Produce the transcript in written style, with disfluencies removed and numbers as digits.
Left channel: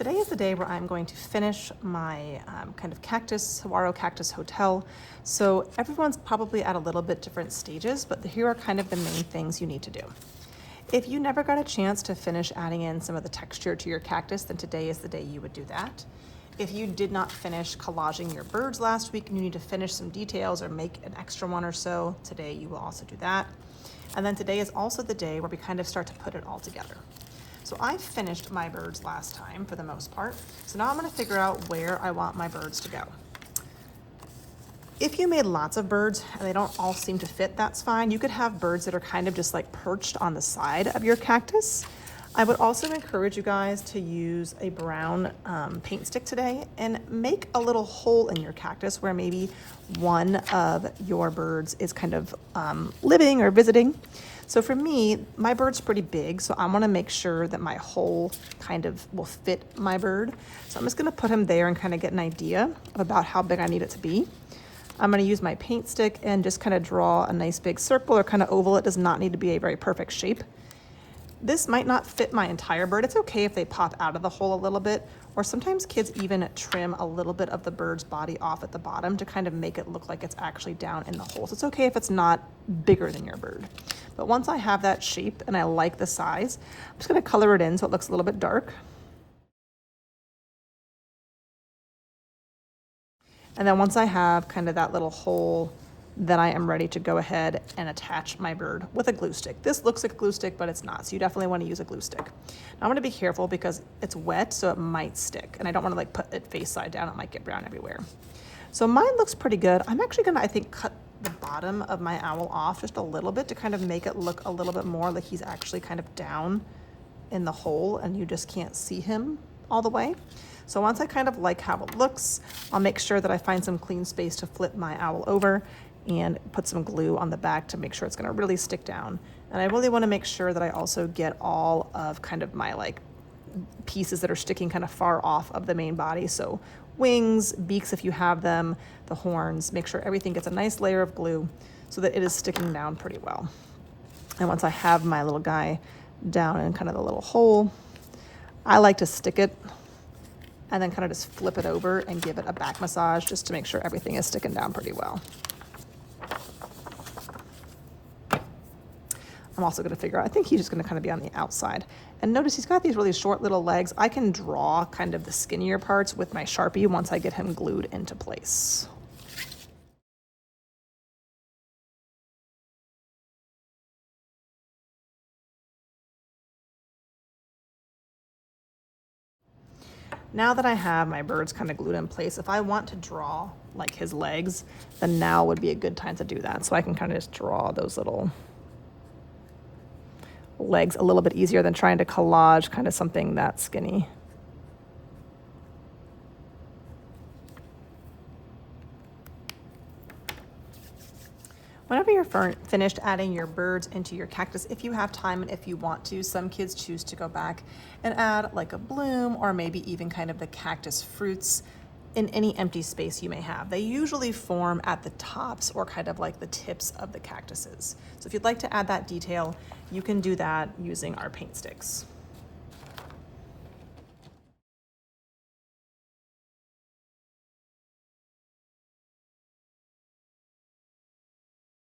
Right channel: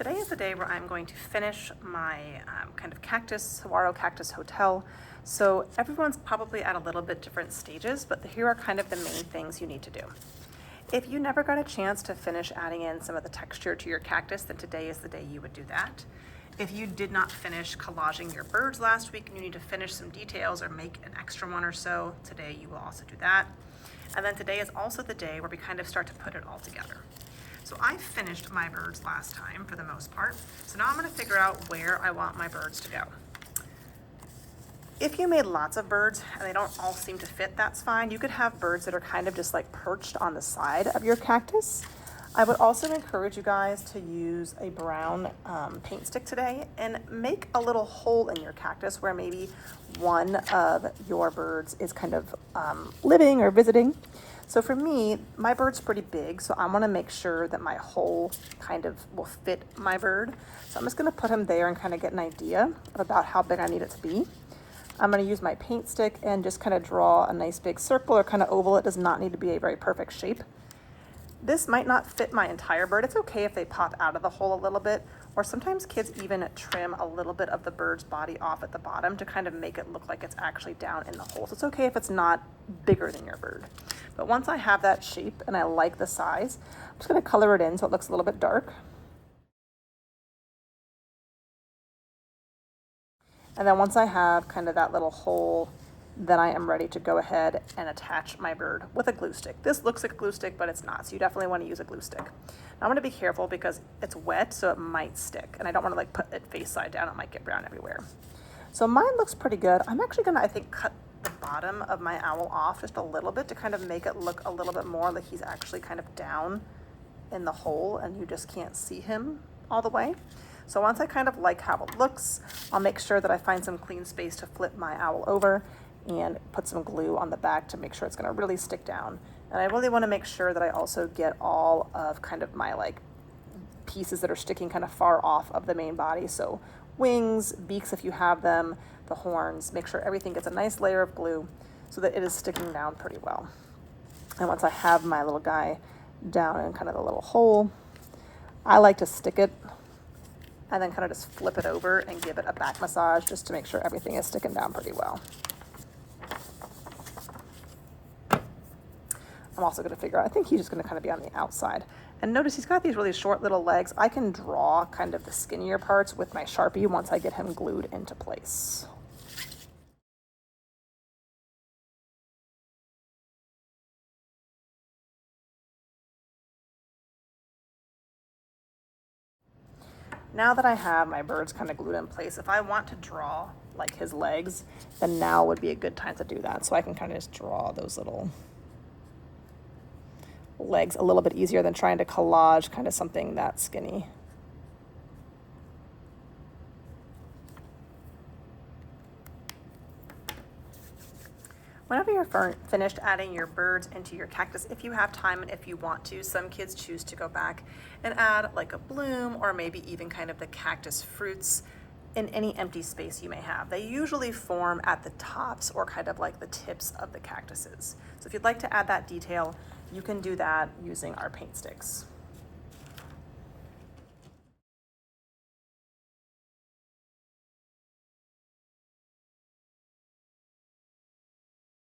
Today is the day where I'm going to finish my kind of Saguaro cactus hotel. So everyone's probably at a little bit different stages, but here are kind of the main things you need to do. If you never got a chance to finish adding in some of the texture to your cactus, then today is the day you would do that. If you did not finish collaging your birds last week and you need to finish some details or make an extra one or so, today you will also do that. And then today is also the day where we kind of start to put it all together. So I finished my birds last time for the most part. So now I'm gonna figure out where I want my birds to go. If you made lots of birds and they don't all seem to fit, that's fine. You could have birds that are kind of just like perched on the side of your cactus. I would also encourage you guys to use a brown paint stick today and make a little hole in your cactus where maybe one of your birds is kind of living or visiting. So for me, my bird's pretty big, so I want to make sure that my hole kind of will fit my bird. So I'm just going to put him there and kind of get an idea about how big I need it to be. I'm going to use my paint stick and just kind of draw a nice big circle or kind of oval. It does not need to be a very perfect shape. This might not fit my entire bird. It's okay if they pop out of the hole a little bit, or sometimes kids even trim a little bit of the bird's body off at the bottom to kind of make it look like it's actually down in the hole. So it's okay if it's not bigger than your bird. But once I have that shape and I like the size, I'm just gonna color it in so it looks a little bit dark. And then once I have kind of that little hole, then I am ready to go ahead and attach my bird with a glue stick. This looks like a glue stick, but it's not, so you definitely want to use a glue stick. Now I'm going to be careful because it's wet, so it might stick, and I don't want to like put it face side down. It might get brown everywhere. So mine looks pretty good. I'm actually going to, I think, cut the bottom of my owl off just a little bit to kind of make it look a little bit more like he's actually kind of down in the hole and you just can't see him all the way. So once I kind of like how it looks, I'll make sure that I find some clean space to flip my owl over and put some glue on the back to make sure it's gonna really stick down. And I really wanna make sure that I also get all of kind of my like pieces that are sticking kind of far off of the main body. So wings, beaks if you have them, the horns, make sure everything gets a nice layer of glue so that it is sticking down pretty well. And once I have my little guy down in kind of the little hole, I like to stick it and then kind of just flip it over and give it a back massage just to make sure everything is sticking down pretty well. I'm also going to figure out, I think he's just going to kind of be on the outside. And notice he's got these really short little legs. I can draw kind of the skinnier parts with my Sharpie once I get him glued into place. Now that I have my birds kind of glued in place, if I want to draw like his legs, then now would be a good time to do that. So I can kind of just draw those little legs a little bit easier than trying to collage kind of something that skinny. Whenever you're finished adding your birds into your cactus, if you have time and if you want to, some kids choose to go back and add like a bloom or maybe even kind of the cactus fruits in any empty space you may have. They usually form at the tops or kind of like the tips of the cactuses. So if you'd like to add that detail, you can do that using our paint sticks.